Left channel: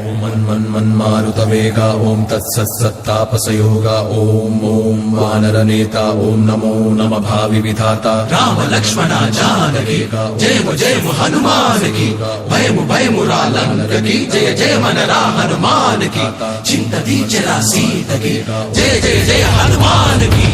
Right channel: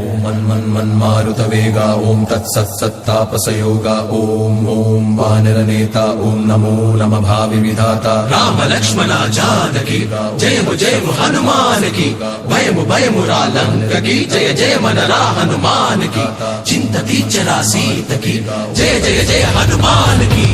ఓం మన్మన్మన్మారుతవేగా ఓం తత్సత్సత్తాపసయోగా ఓం ఓం వానరనేత ఓం నమో నమ భావి విధాత రామ లక్ష్మణ జానకి జయము జయము హనుమానికి భయము భయము రాలంకకి జయ జయ మనరా హనుమానికి చింత దీచరా సీతకి జయ జయ జయ హనుమానికి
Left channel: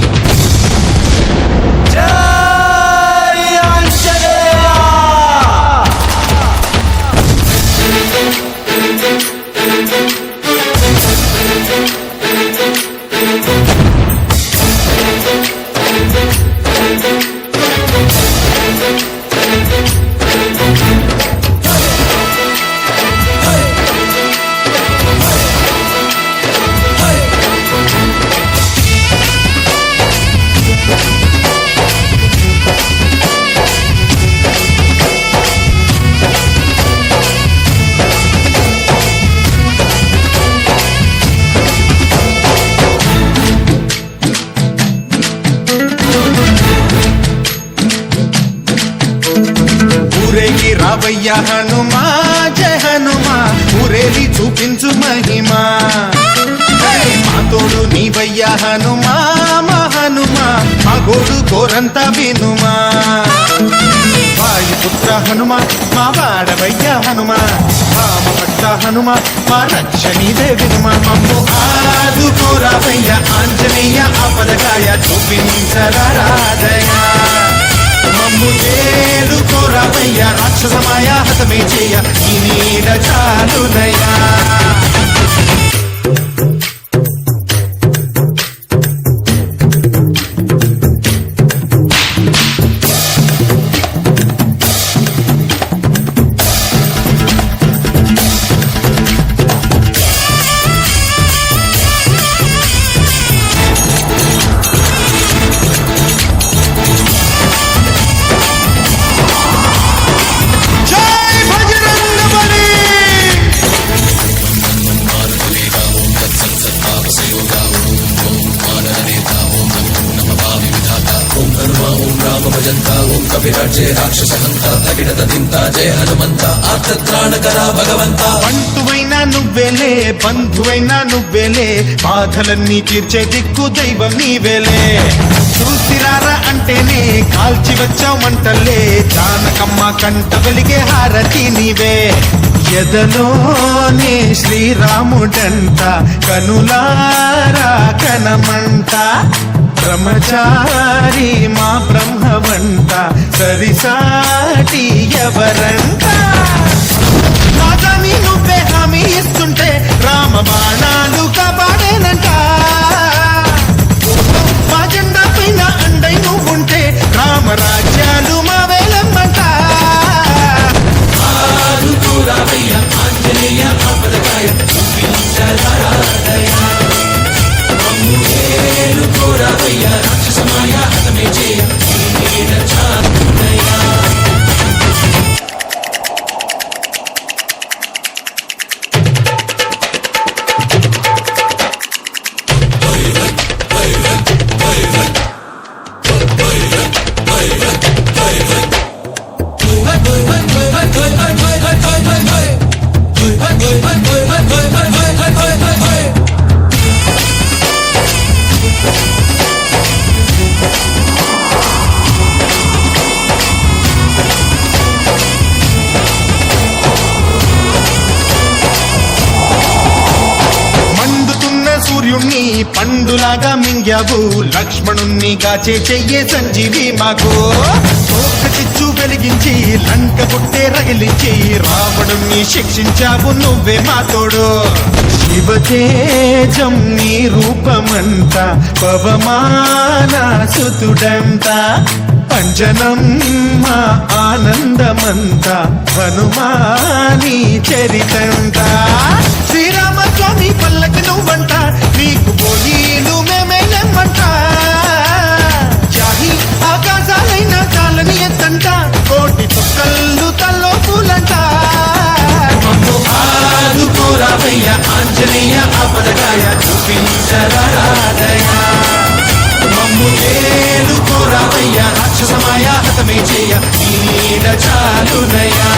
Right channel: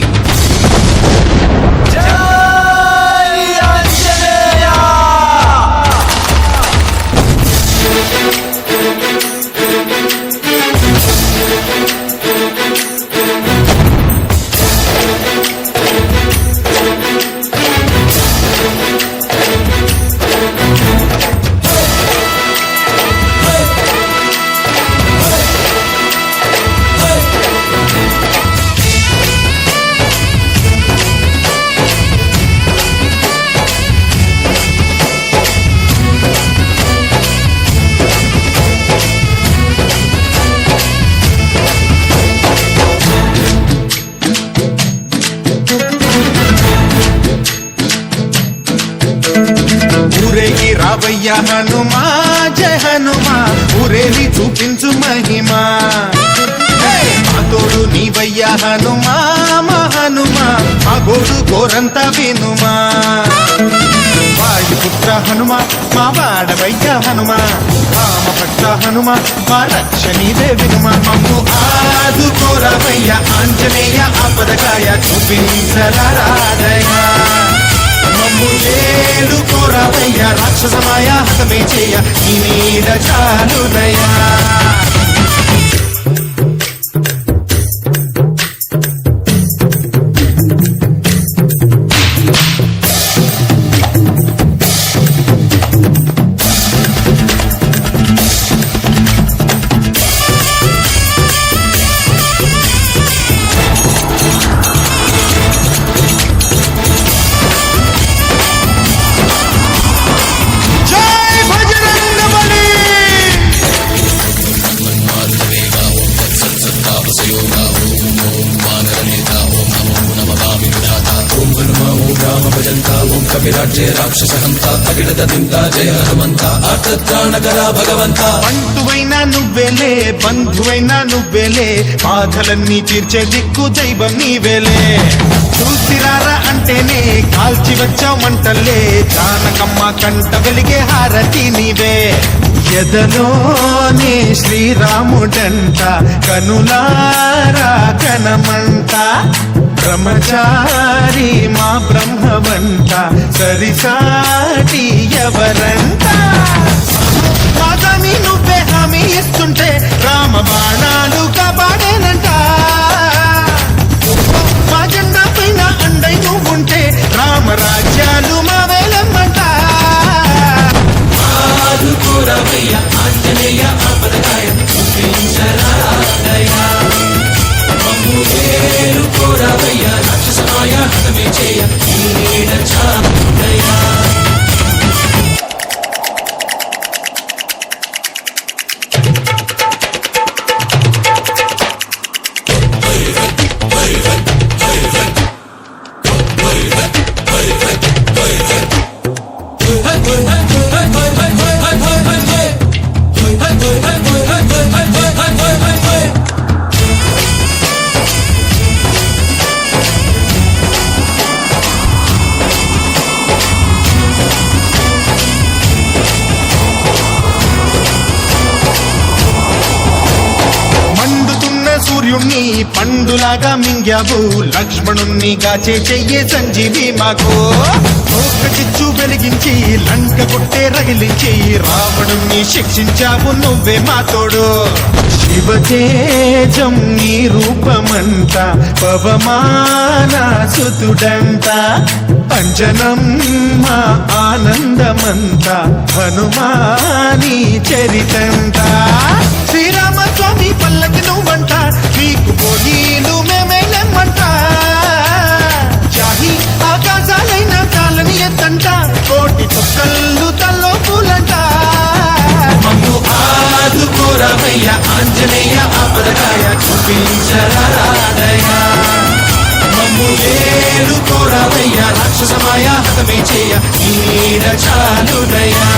ఊరేగి రావయ్య హనుమా జయ హనుమా ఊరేలి చూపించు మహిమా మా తోడు నీవయ్య హనుమా మా హనుమా మా గోడు గోరంత వినుమా వాయుపుత్ర హనుమా మా వాడవయ్య హనుమా రామభక్త హనుమా మా రక్షణీదే వినుమా మమ్ము ఆదుకోరావయ్య ఆంజనేయ ఆపదకాయ చూపించరాదయ మమ్ము చేరుకోరావయ్య రాక్షసమాయ హతమే చేయ నీ నీడ చాలునయ్యా బంటువైనా నువ్వేలే బంధువైనా నువ్వేలే బాధలన్నీ తీర్చే దిక్కు దైవం నీవేలే చూసిరారా అంటేనే కాల్చి వచ్చావు మంటల్లే జానకమ్మ కంట వెలిగే హారతి నీవే ఎదలోనే శ్రీరాముడంట కనులారా కనమంట బ్రహ్మచారి మా బ్రహ్మవంట సరిసాటి ఎవరంట మాదాని నువ్వే హామీ ఇస్తుంటే రామ బాణాలు కాపాడేనంట మా జెండా పైన అండై నువ్వుంటే రామరాజ్యాలు మా వేలమ్మంట ఆదుకోరావయ్య ఆంజనేయ ఆపదకాయ చూపించరాదయ మమ్ము ఏలుకోరావయ్య రాక్షసమాయ హతమే చేయ నీడ చాలునయ్యా సూర్యుణ్ణి పండులాగా మింగావు లక్ష్మణుణ్ణి గాచే చెయ్యే సంజీవి మాకు ఒక్క చిచ్చు వెలిగించి లంక కొట్టే రగిలించి రావణుణ్ణి శిక్షించావు నువ్వే మా తోడు శివతేజం నీ రూపమంట పవమాన సుతుడంట అంజనం మా ఆనందమంత హనుమాని చరితంట శ్రీరామస్వామి పల్లకి నువ్వంట నీకు బోలీలు మేమేలమ్మంట జాహి ఆకాశాలైన కాలని ఎత్తంట కోటి చుక్కళ్ళు తల్లో పూలంట మమ్ము ఆదుకోరావయ్య ఆంజనేయ ఆపదకాయ చూపించరాదయ మమ్ము ఏలుకోరావయ్య రాక్షసమాయ హతమే చేయ నీడ చాలునయ్యా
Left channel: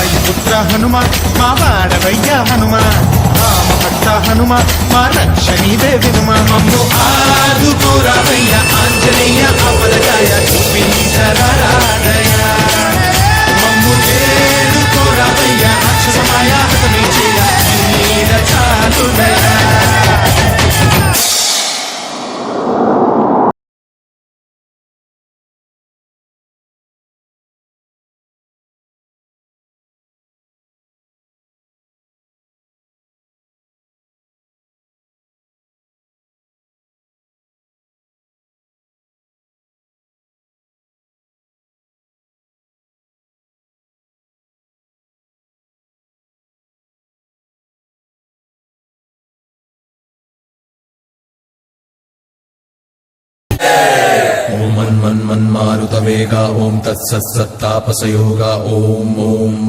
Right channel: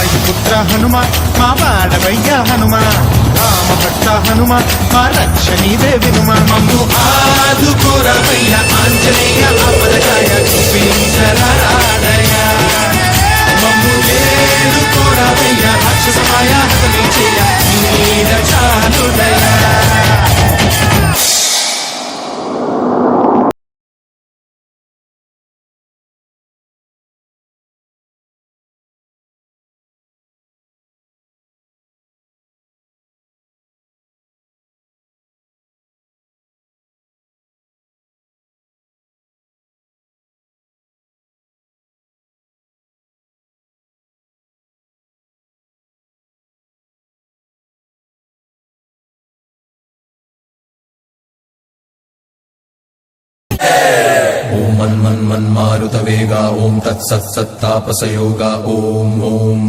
వాయుపుత్ర హనుమ మా వాడవయ్య హనుమ రామభక్త హనుమ మా రక్షణీదే వినుమ మమ్ము ఆదుకోరావయ్య ఆంజనేయ ఆపదకాయ చూపించరాడయ మమ్ము ఏడుకోరావయ్య రాక్షసమాయ హతమే చేయ నీడ చాలుదయా ఓం మన్మారుత వేగ ఓం తత్సత్తాపసయోగ ఓం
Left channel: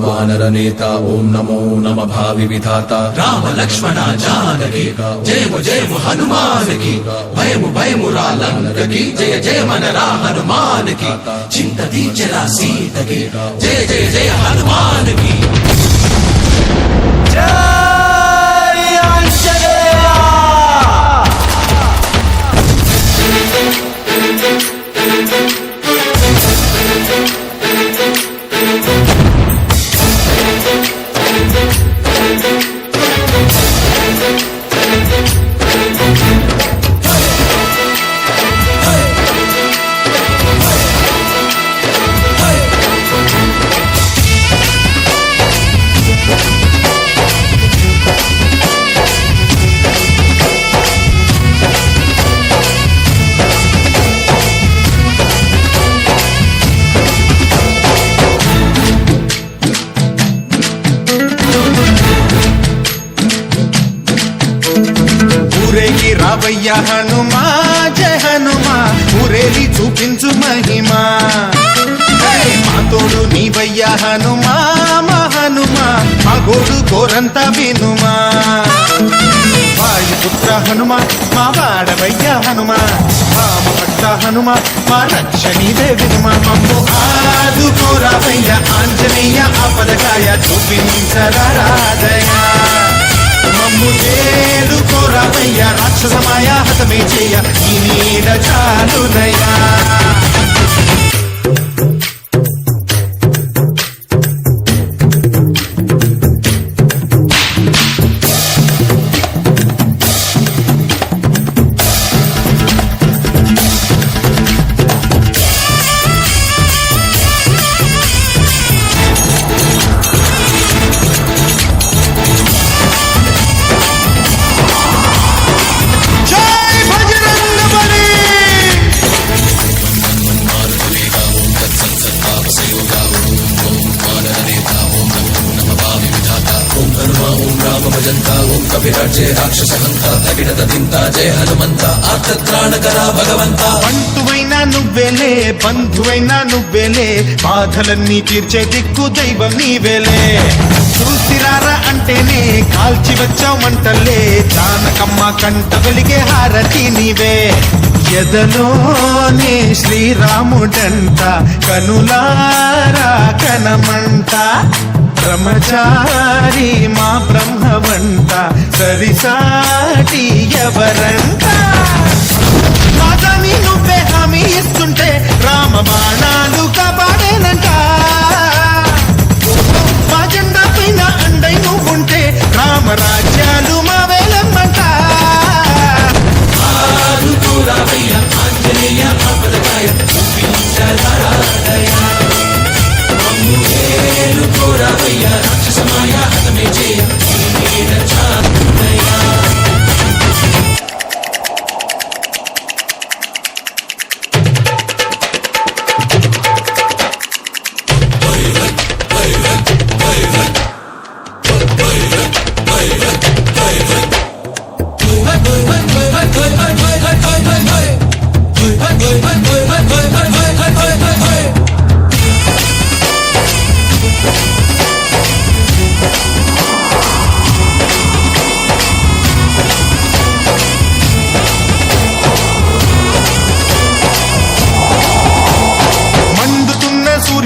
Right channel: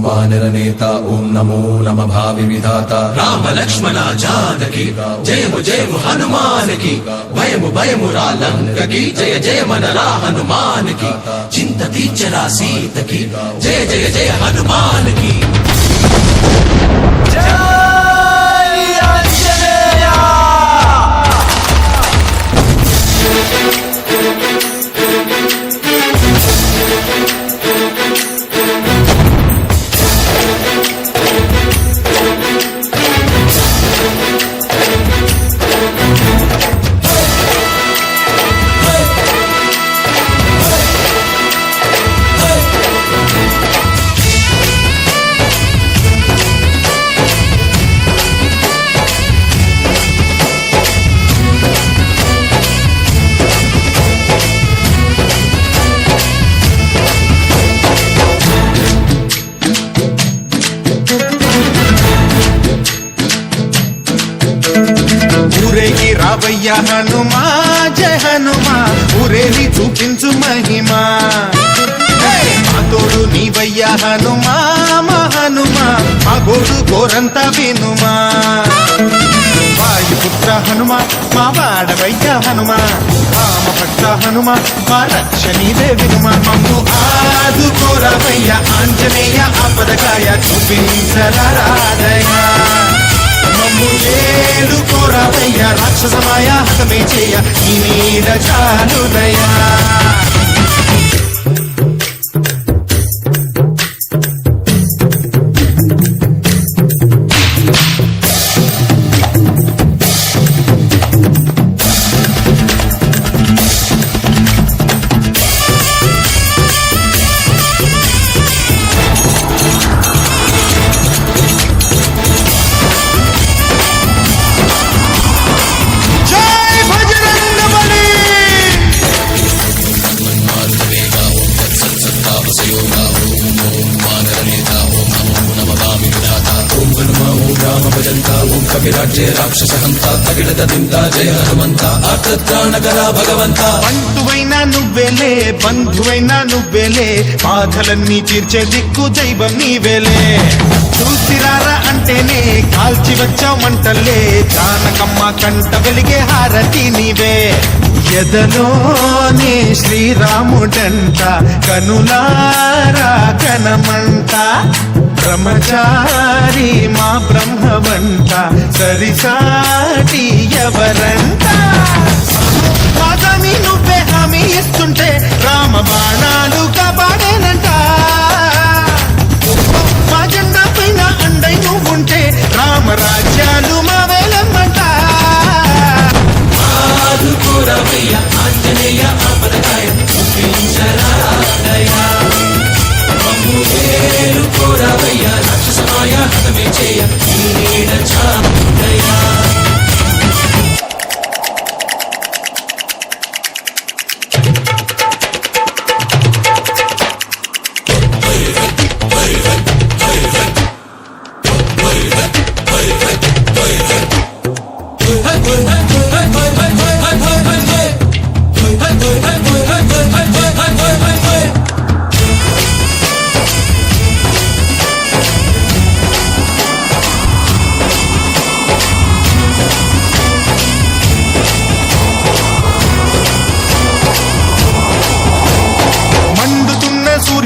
వానరనేత ఓం నమో నమ భావి విధాత రామ లక్ష్మణ జానకి జయము జయము హనుమానికి భయము భయము రాలంకకి జయ జయ మనరా హనుమానికి చింత దీచరా సీతకి జయ జయ జయ హనుమానికి ఊరేగి రావయ్య హనుమా జయ హనుమా ఊరేలి చూపించు మహిమా మా తోడు నీవయ్య హనుమా మా హనుమా మా గోడు గోరంత వినుమా వాయుపుత్ర హనుమ మా వాడవయ్య హనుమ రామభక్త హనుమ మా రక్షణీదే వినుమ మమ్ము ఆదుకోరావయ్య ఆంజనేయ ఆపదకాయ చూపించరాదయ మమ్ము ఏడుకోరావయ్య రాక్షసమాయ హతమే చేయ ఈ నీడ చాలుదయా కవిరాజే రాక్షస హంత తగినత దింత జయ హనుమంత ఆర్తత్రాణకరా భగవంత బంటువైనా నువ్వేలే బంధువైనా నువ్వేలే బాధలన్నీ తీర్చే దిక్కు దైవం నీవేలే చూసిరారా అంటేనే కాల్చి వచ్చావు మంటల్లే జానకమ్మ కంట వెలిగే హారతి నీవే ఎదలోనే శ్రీరాముడంట కనులారా కనమంట బ్రహ్మచారి మా బ్రహ్మవంట సరిసాటి ఎవరంట మాదాని నువ్వే హామీ ఇస్తుంటే రామ బాణాలు కాపాడేనంట మా జెండా పైన అండై నువ్వుంటే రామరాజ్యాలు మా వేలమ్మంట ఆదుకోరావయ్య ఆంజనేయ ఆపదకాయ చూపించరాదయ మమ్ము ఏలుకోరావయ్య రాక్షసమాయ హతమే చేయ ఈ నీడ చాలుదయా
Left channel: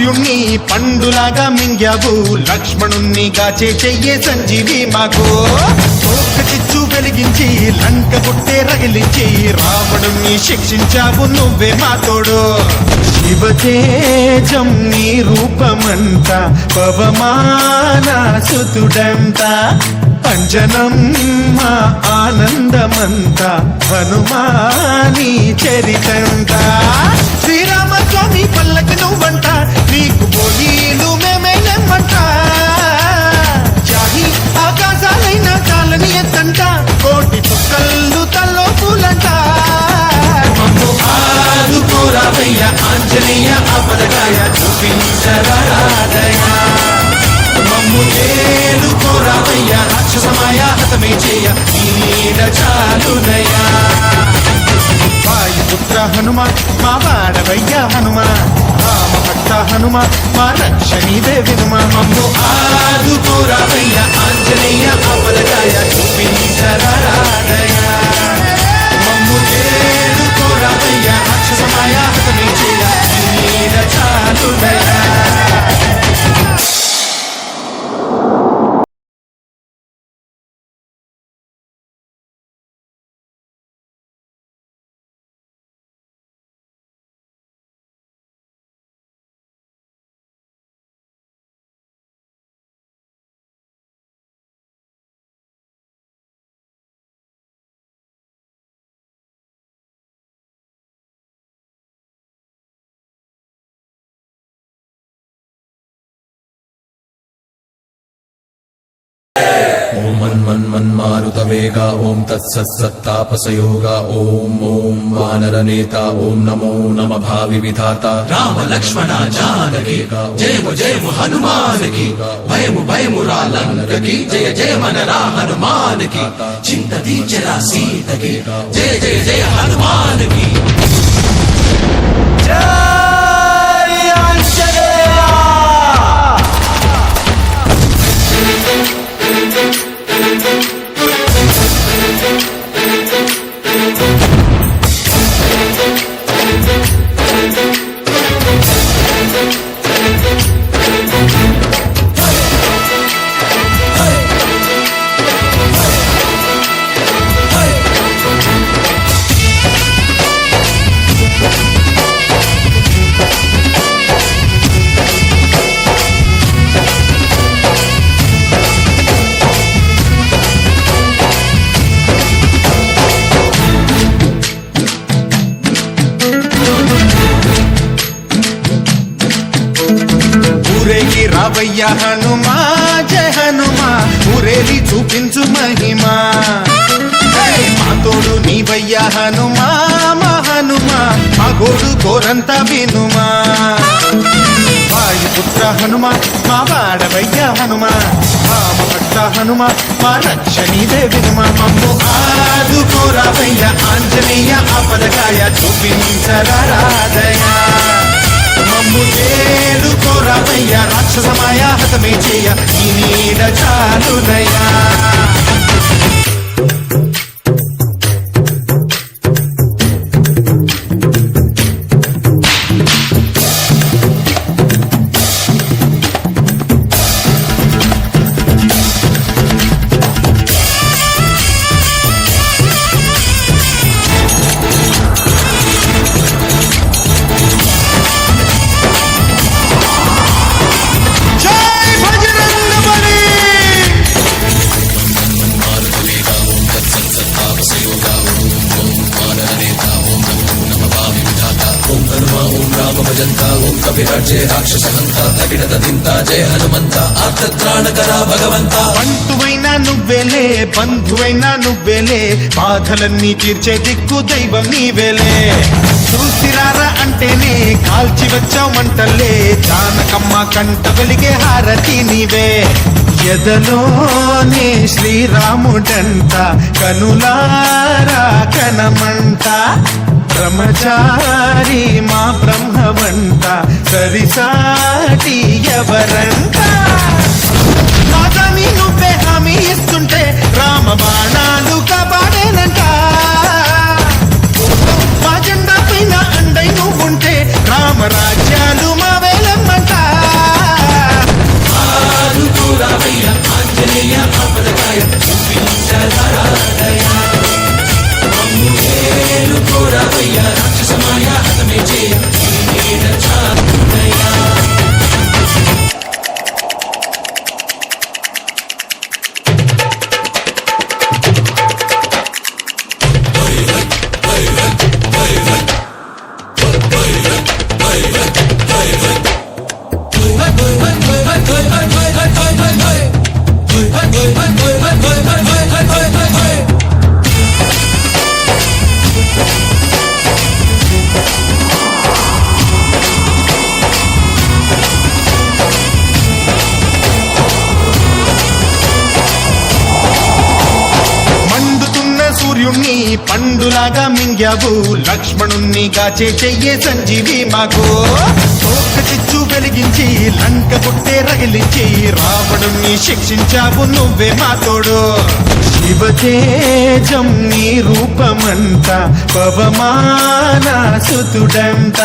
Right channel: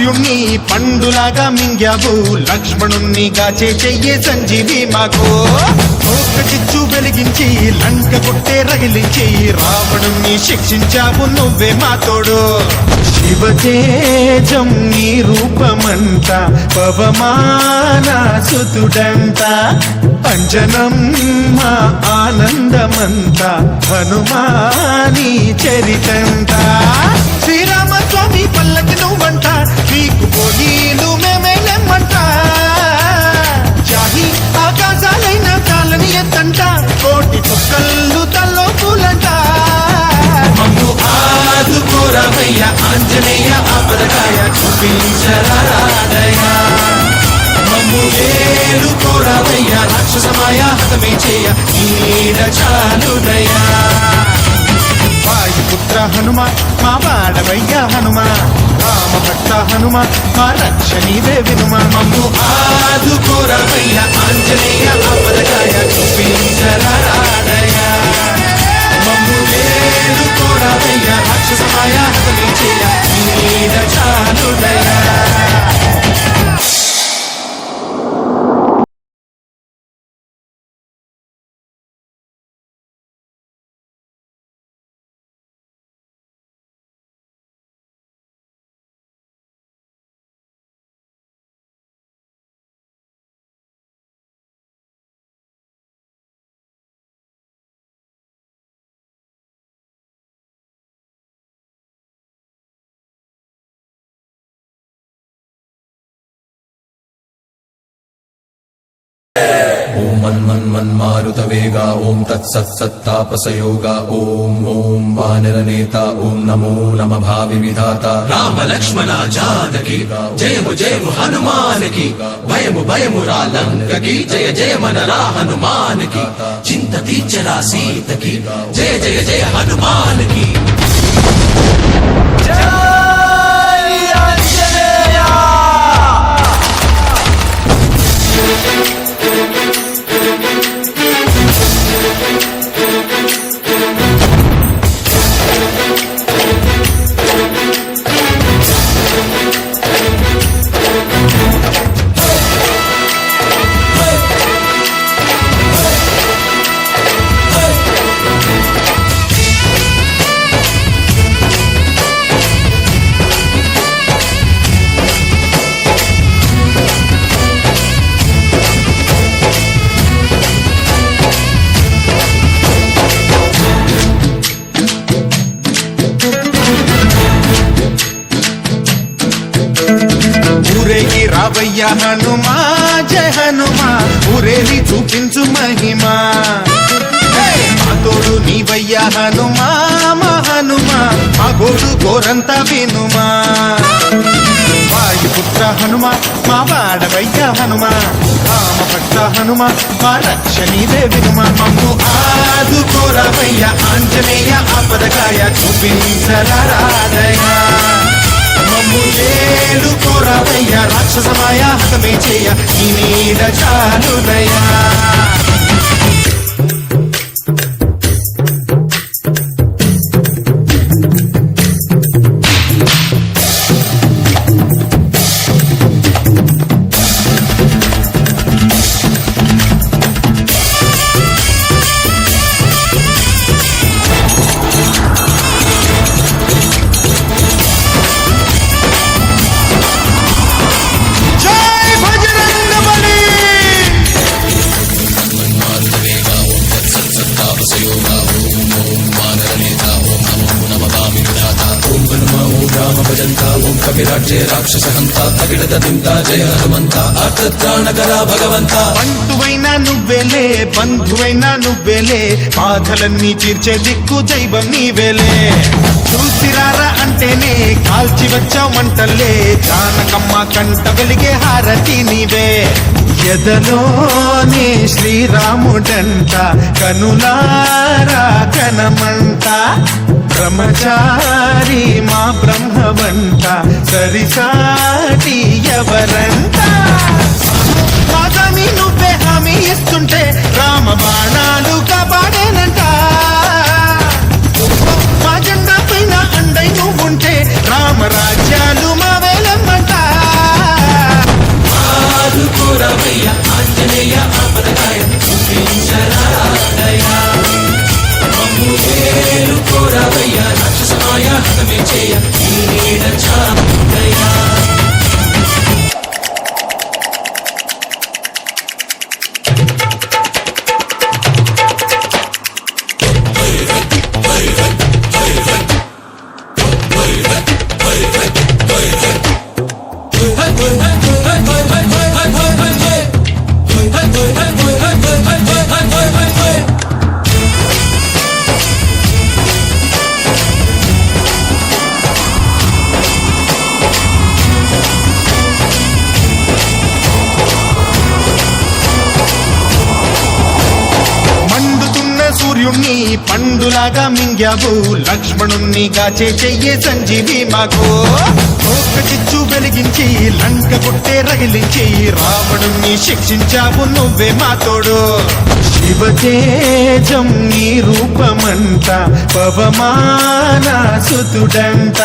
సూర్యుణ్ణి పండులాగా మింగావు, లక్ష్మణుణ్ణి గాచే చెయ్యే సంజీవి మాకు. తోక చిచ్చు వెలిగించి లంక గుట్టే రగిలించి రావణుణ్ణి శిక్షించావు నువ్వే మా తోడు. శివతేజం నీ రూపమంత పవమాన సుతుడంత, అంజనం మా ఆనందమంత హనుమాని చరితంత. శ్రీరామస్వామి పల్లకి నువ్వంట, నీకు బోలీలు మేమేలెమ్మంట. జాహి ఆకాశాలైన కాలని ఎత్తంట, కోటి చుక్కళ్ళు తల్లో పూలంట. మమ్ము ఆదుకోరావయ్య ఆంజనేయ ఆపదకాయ చూపించరాదయ. మమ్ము ఏలుకోరావయ్య రాక్షసమాయ హతమే చేయ నీడ చాలుదయా. వాయుపుత్ర హనుమ మా వాడవయ్య హనుమ, రామభక్త హనుమ మా రక్ష నీవే వినుమ. మమ్ము ఆదుకోరావయ్య ఆంజనేయ ఆపదకాయ చూపించరాదయ. మమ్ము ఏలుకోరావయ్య రాక్షసమాయ హతమే చేయ నీడ చాలుదయా. ఓం మన్మన్మన్మారుత వేగ ఓం తత్సత్సత్తాపసయోగ ఓం ఓం వానరనేత ఓం నమో నమ భావి విధాత. రామ లక్ష్మణ జానకి జయము జయము హనుమానికి, భయము భయము రాలంకకి జయ జయ మనరా హనుమానికి. చింత దీచరా సీతకి జయ జయ జయ హనుమానికి. ఊరేగి రావయ్య హనుమా జయ హనుమా, ఊరేలి చూపించు మహిమా. మా తోడు నీవయ్య హనుమా మా హనుమా, మా గోడు గోరంత వినుమా. వాయుపుత్ర హనుమ మా వాడవయ్య హనుమ, రామభక్త హనుమ మా రక్ష నీవే వినుమ. మమ్ము ఆదుకోరావయ్య ఆంజనేయ ఆపదకాయ చూపించరాదయ. మమ్ము ఏలుకోరావయ్య రాక్షసమాయ హతమే చేయ ఈ నీడ చాలుదయా. కవిరాజే రాక్షస హంత తగిడత దింత జయ హనుమంత ఆర్తత్రాణకరా భగవంత. బంటువైనా నువ్వేలే బంధువైనా నువ్వేలే, బాధలన్నీ తీర్చే దిక్కు దైవం నీవేలే. చూసిరారా అంటేనే కాల్చి వచ్చావు మంటల్లే, జానకమ్మ కంట వెలిగే హారతి నీవే. ఎదలోనే శ్రీరాముడంట కనులారా కనమంట, బ్రహ్మచారి మా బ్రహ్మవంట సరిసాటి ఎవరంట. మాతామి నువ్వే హామీ ఇస్తుంటే రామ బాణాలు కాపాడేనంట. మా జెండా పైన అండై నువ్వుంటే రామరాజ్యాలు మా వేలమ్మంట. సూర్యుణ్ణి పండులాగా మింగావు, లక్ష్మణుణ్ణి గాచే చెయ్యే సంజీవి మాకు. తోక చిచ్చు వెలిగించి లంక గుట్టే రగిలించి రావణుణ్ణి శిక్షించావు నువ్వే మా తోడు. శివతేజం నీ రూపమంత పవమాన సుతుడంత,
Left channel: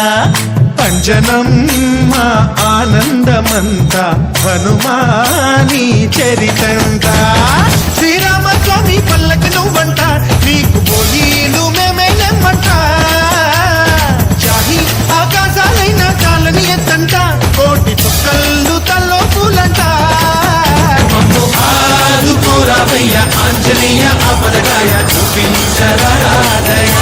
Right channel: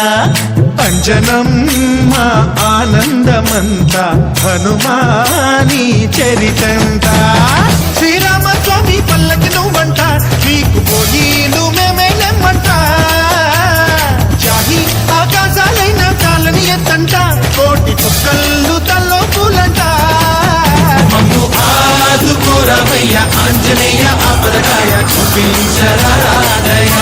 అంజనం మా ఆనందమంత హనుమాని చరితంత. శ్రీరామస్వామి పల్లకి నువ్వంట, నీకు పోయిలు మేమేలెమ్మంట. జాహి ఆకాశాలైన కాలని ఎత్తంట, కోటి చుక్కళ్ళు తల్లో పూలంట. మమ్ము ఆదుకోరావయ్య ఆంజనేయ ఆపదకాయ చూపించరాదయ.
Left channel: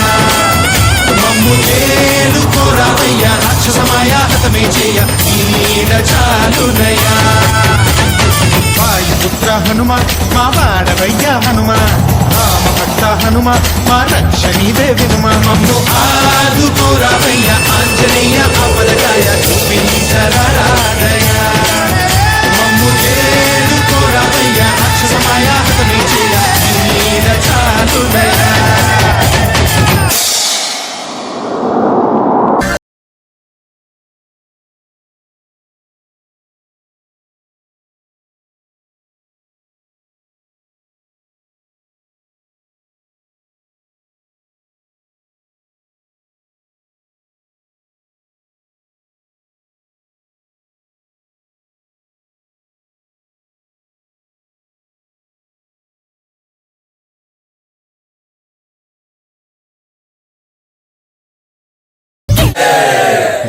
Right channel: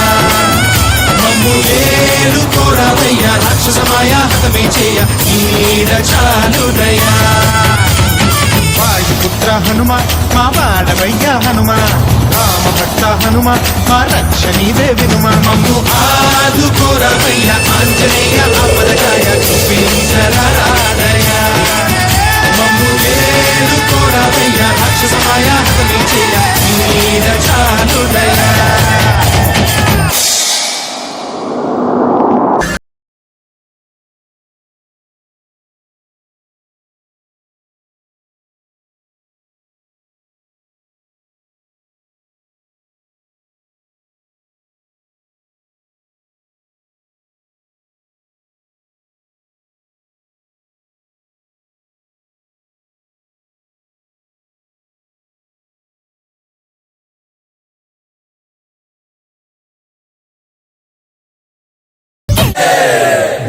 మమ్ము ఏలుకోరావయ్య రాక్షసమాయ హతమే చేయ ఈ నీడ చాలుదయా. వాయుపుత్ర హనుమ మా వాడవయ్య హనుమ, రామభక్త హనుమ మా రక్ష నీవే వినుమ. మమ్ము ఆదుకోరావయ్య ఆంజనేయ ఆపదకాయ చూపించరాదయ. మమ్ము ఏలుకోరావయ్య రాక్షసమాయ హతమే చేయ ఈ నీడ చాలుదయా.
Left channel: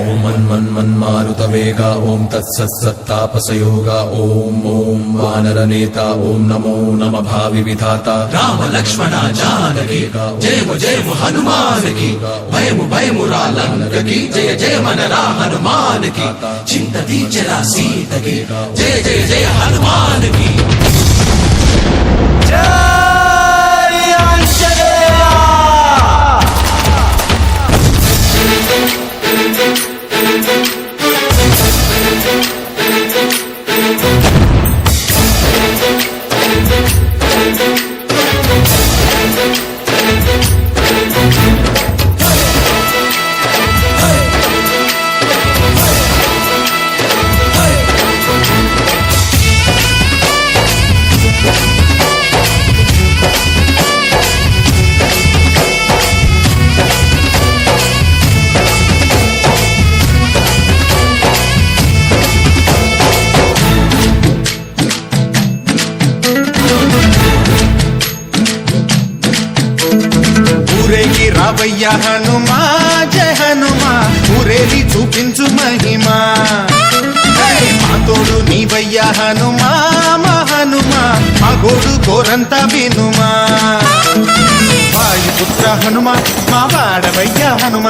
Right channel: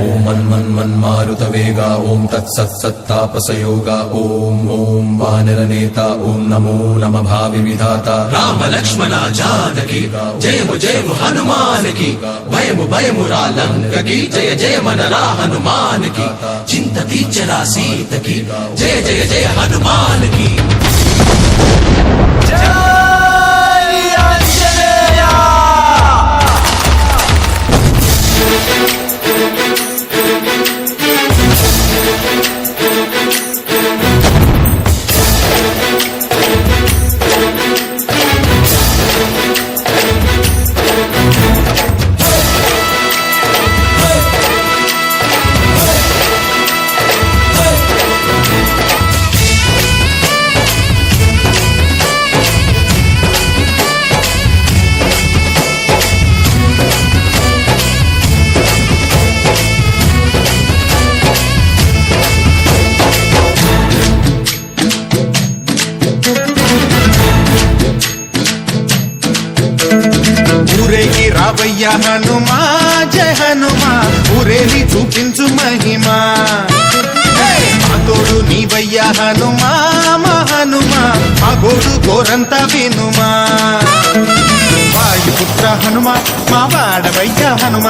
ఓం మన్మారుత వేగా ఓం తత్సత్తాపసయోగా ఓం ఓం వానరనేత ఓం నమో నమ భావి విధాత. రామ లక్ష్మణ జానకి జయము జయము హనుమానికి, భయము భయము రాలంకకి జయ జయ మనరా హనుమానికి. చింత బీచరా సీతకి జయ జయ జయ హనుమానికి. ఊరేగి రావయ్య హనుమా జయ హనుమా, ఊరేలి చూపించు మహిమా. మా తోడు నీవయ్య హనుమా మా హనుమా, మా గోడు గోరంత వినుమా. వాయుపుత్ర హనుమ మా వాడవయ్య హనుమ,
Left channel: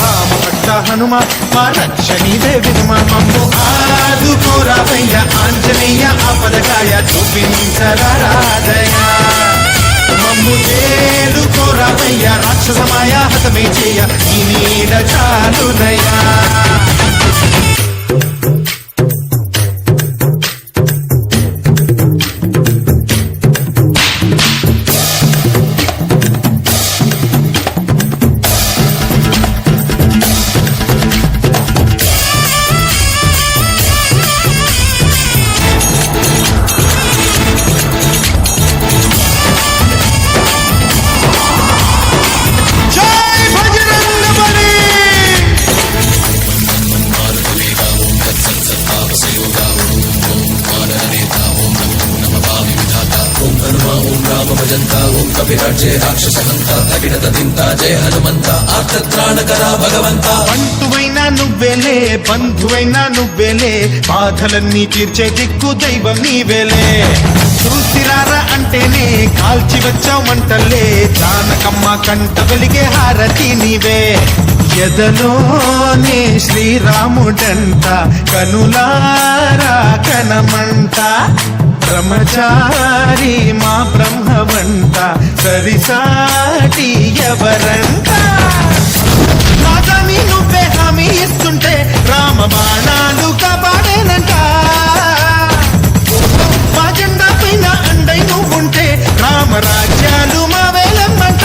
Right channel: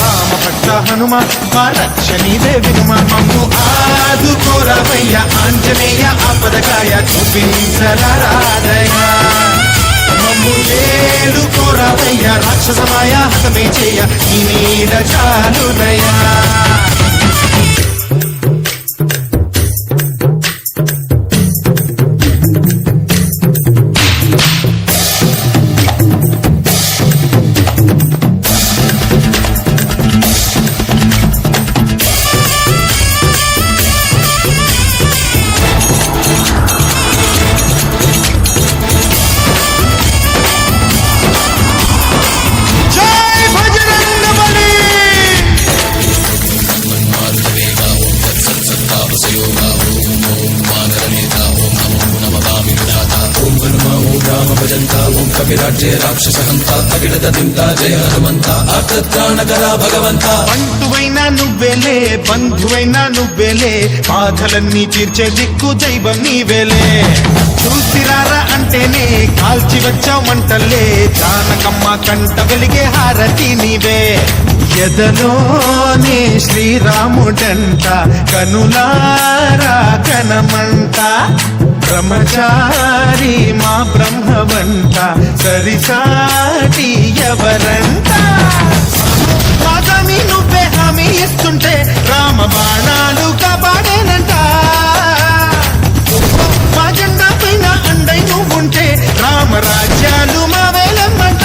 రామభక్త హనుమ మా రక్ష నీవే వినుమ. మమ్ము ఆదుకోరావయ్య ఆంజనేయ ఆపదకాయ చూపించరాదయ. మమ్ము ఏలుకోరావయ్య రాక్షసమాయ హతమే చేయ ఈ నీడ చాలుదయా. కవిరాజే రాక్షసహంత తగినత తింత జయ హనుమంత ఆర్తత్రాణకరా భగవంత. బంటువైనా నువ్వేలే బంధువైనా నువ్వేలే, బాధలన్నీ తీర్చే దిక్కు దైవం నీవేలే. చూసిరారా అంటేనే కాల్చి వచ్చావు మంటల్లే, జానకమ్మ కంట వెలిగే హారతి నీవే. ఎదలోనే శ్రీరాముడంట కనులారా కనమంట, బ్రహ్మచారి మా బ్రహ్మవంట సరిసాటి ఎవరంట. మాతామి నువ్వే హామీ ఇస్తుంటే రామ బాణాలు కాపాడేనంట. మా జెండా పైన అండై నువ్వుంటే రామరాజ్యాలు మా వేలమ్మంట.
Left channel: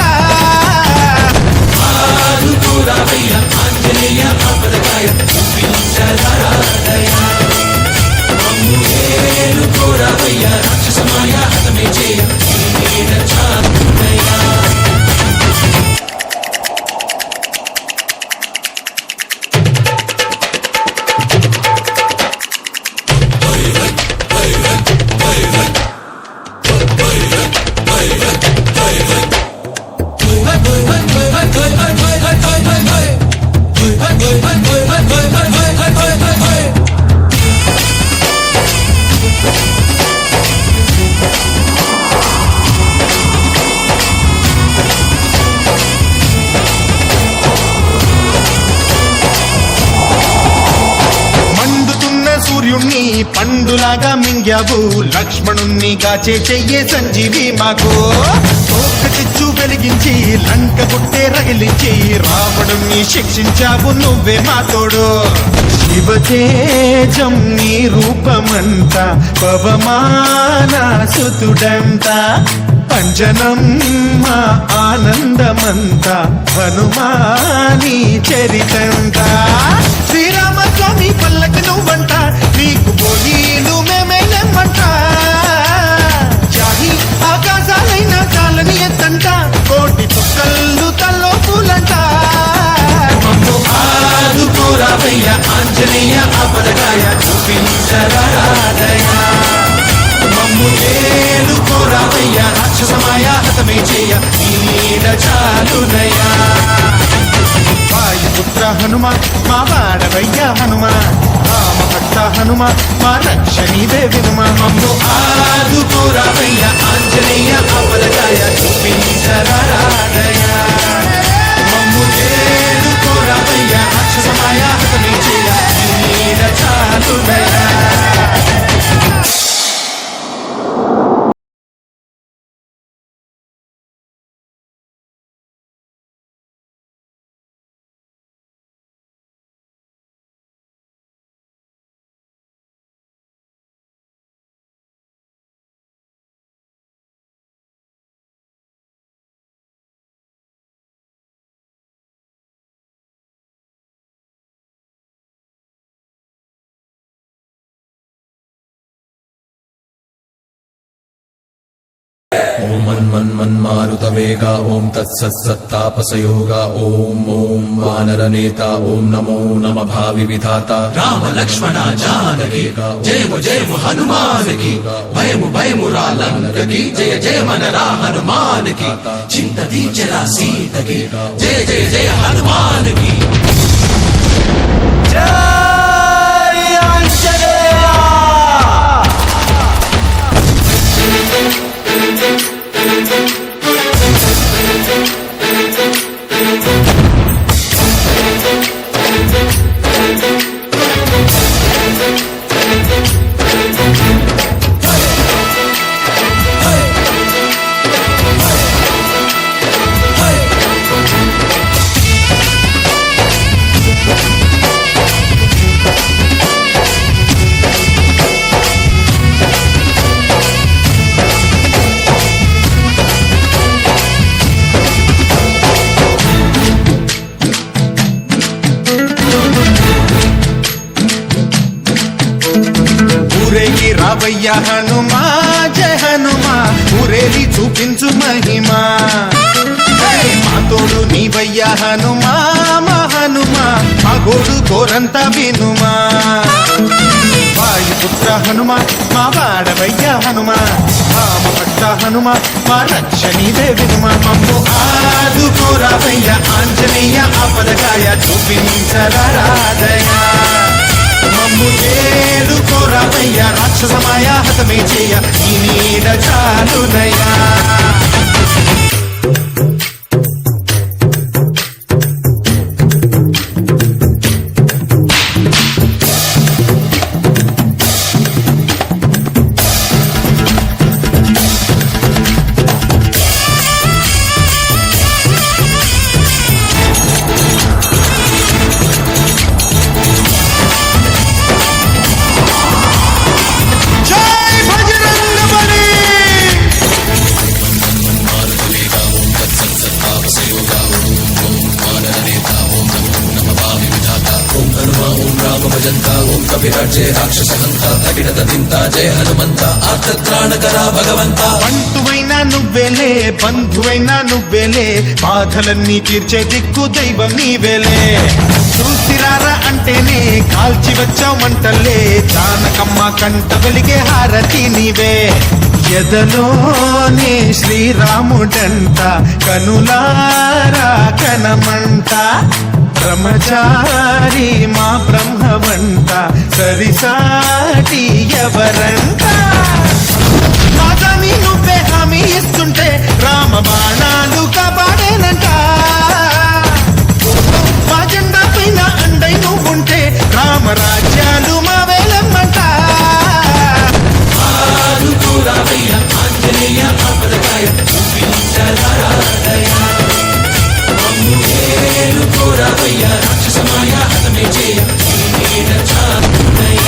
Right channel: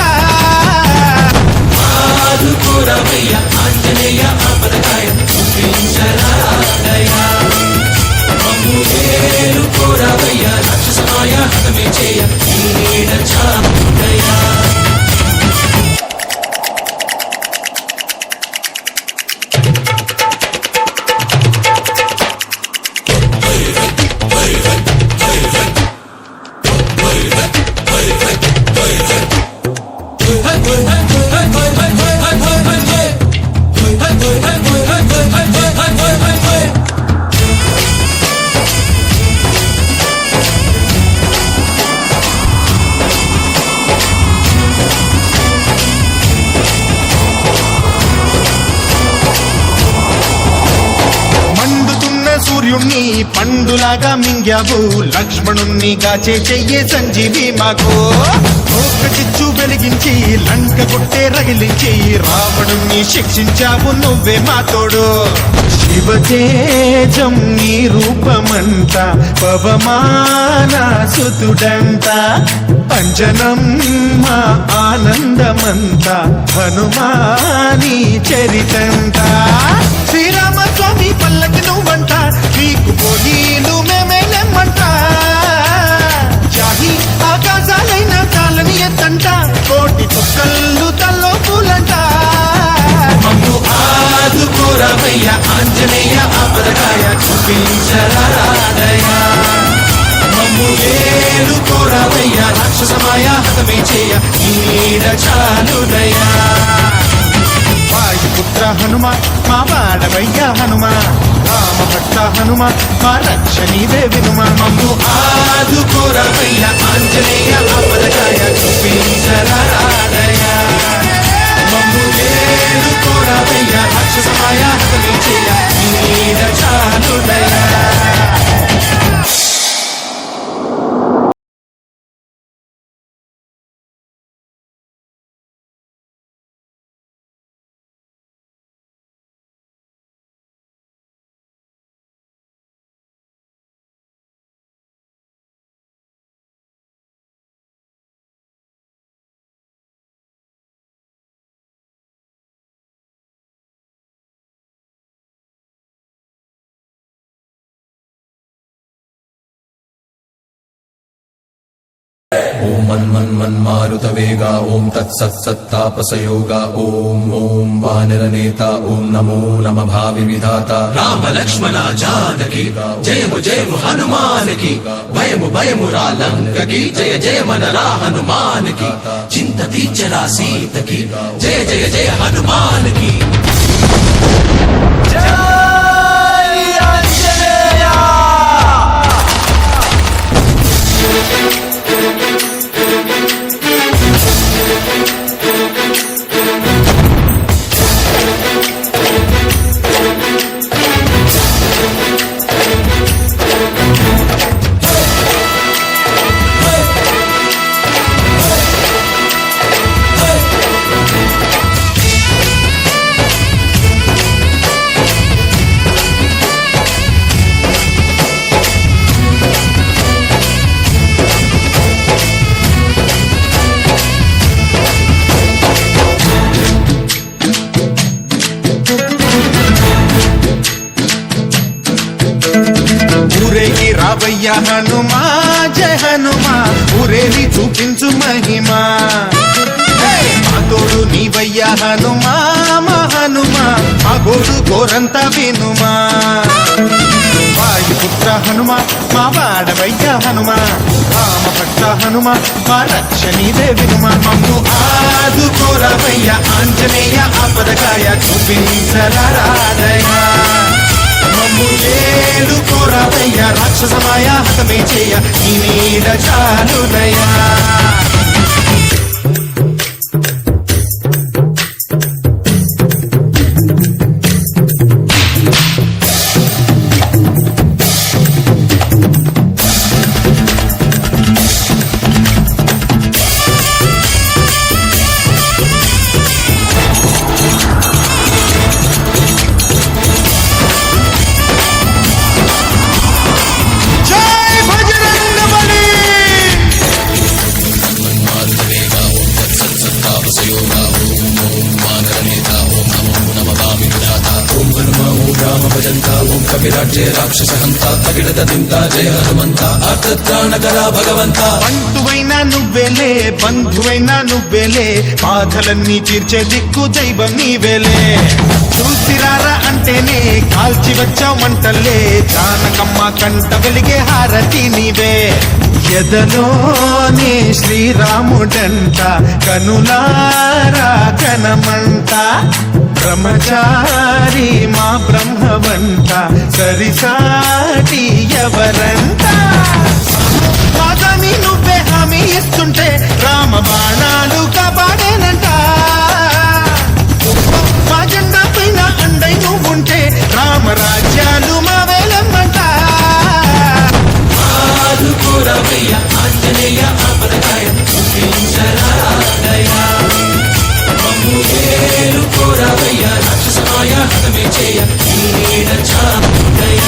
చేయ ఈ నీడ చాలునయ్యా. మండుతున్న సూర్యుణ్ణి పండులాగా మింగావు, లక్ష్మణుణ్ణి గాచే చెయ్యే సంజీవి మాకు. తోక చిచ్చు వెలిగించి లంక గుట్టే రగిలించి రావణుణ్ణి శిక్షించావు నువ్వే మా తోడు. శివతేజం నీ రూపమంత పవమాన సుతుడంత, అంజనం మా ఆనందమంత హనుమాని చరితంత. శ్రీరామస్వామి పల్లకి నువ్వంట, నీకు పోలీలు మేమేలెమ్మంట. జాహి ఆకాశాలైన కాలని ఎత్తంట, కోటి చుక్కళ్ళు తల్లో పూలంట. మమ్ము ఆదుకోరావయ్య ఆంజనేయ ఆపదకాయ చూపించరాదయ. మమ్ము ఏలుకోరావయ్య రాక్షసమాయ హతమే చేయ ఈ నీడ చాలునయ్యా. వాయుపుత్ర హనుమ మా వాడవయ్య హనుమ, రామభక్త హనుమ మా రక్ష నీవే వినుమ. మమ్ము ఆదుకోరావయ్య ఆంజనేయ ఆపదకాయ చూపించరాదయ. మమ్ము ఏలుకోరావయ్య రాక్షసమాయ హతమే చేయ ఈ నీడ చాలునయ్యా. ఓం మన్మన్మన్మారుతవేగా ఓం తత్సత్సత్తాపసయోగా ఓం ఓం వానరనేత ఓం నమో నమ భావి విధాత. రామ లక్ష్మణ జానకి జయము జయము హనుమానికి, భయము భయము రాలంకకి జయ జయ మనరా హనుమానికి. చింత దీచరా సీతకి జయ జయ జయ హనుమానికి. ఊరేగి రావయ్య హనుమా జయ హనుమా, ఊరేలి చూపించు మహిమా. మా తోడు నీవయ్య హనుమా మా హనుమా, మా గోడు గోరంత వినుమా. వాయుపుత్ర హనుమ మా వాడవయ్య హనుమ, రామభక్త హనుమ మా రక్ష నీవే వినుమ. మమ్ము ఆదుకోరావయ్య ఆంజనేయ ఆపదకాయ చూపించరాదయ. మమ్ము ఏలుకోరావయ్య రాక్షసమాయ హతమే చేయ ఈ నీడ చాలునయ్యా. విరాజే రాక్షస హంత తగిడత చింత జయ హనుమంత ఆత్రాణకర భగవంత బంటువైనా నువ్వేలే బంధువైనా నువ్వేలే బాధలన్నీ తీర్చే దిక్కు దైవం నీవేలే చూసిరారా అంటేనే కాల్చి వచ్చావు మంటల్లే జానకమ్మ కంట వెలిగే హారతి నీవే ఎదలోనే శ్రీరాముడంట కనులారా కనమంట బ్రహ్మచారి మా బ్రహ్మవంట సరిసాటి ఎవరంట మాదాని నువ్వే హామీ ఇస్తుంటే రామ బాణాలు కాపాడేనంట మా జెండా పైన అండై నువ్వుంటే రామరాజ్యాలు మా వేలమ్మంట ఆదుకోరామయ్య ఆంజనేయ ఆపదకాయ చూపించరాదయ మమ్ము ఏలుకోరామయ్య రాక్షసమాయ హతమే చేయ ఈడ చాదయ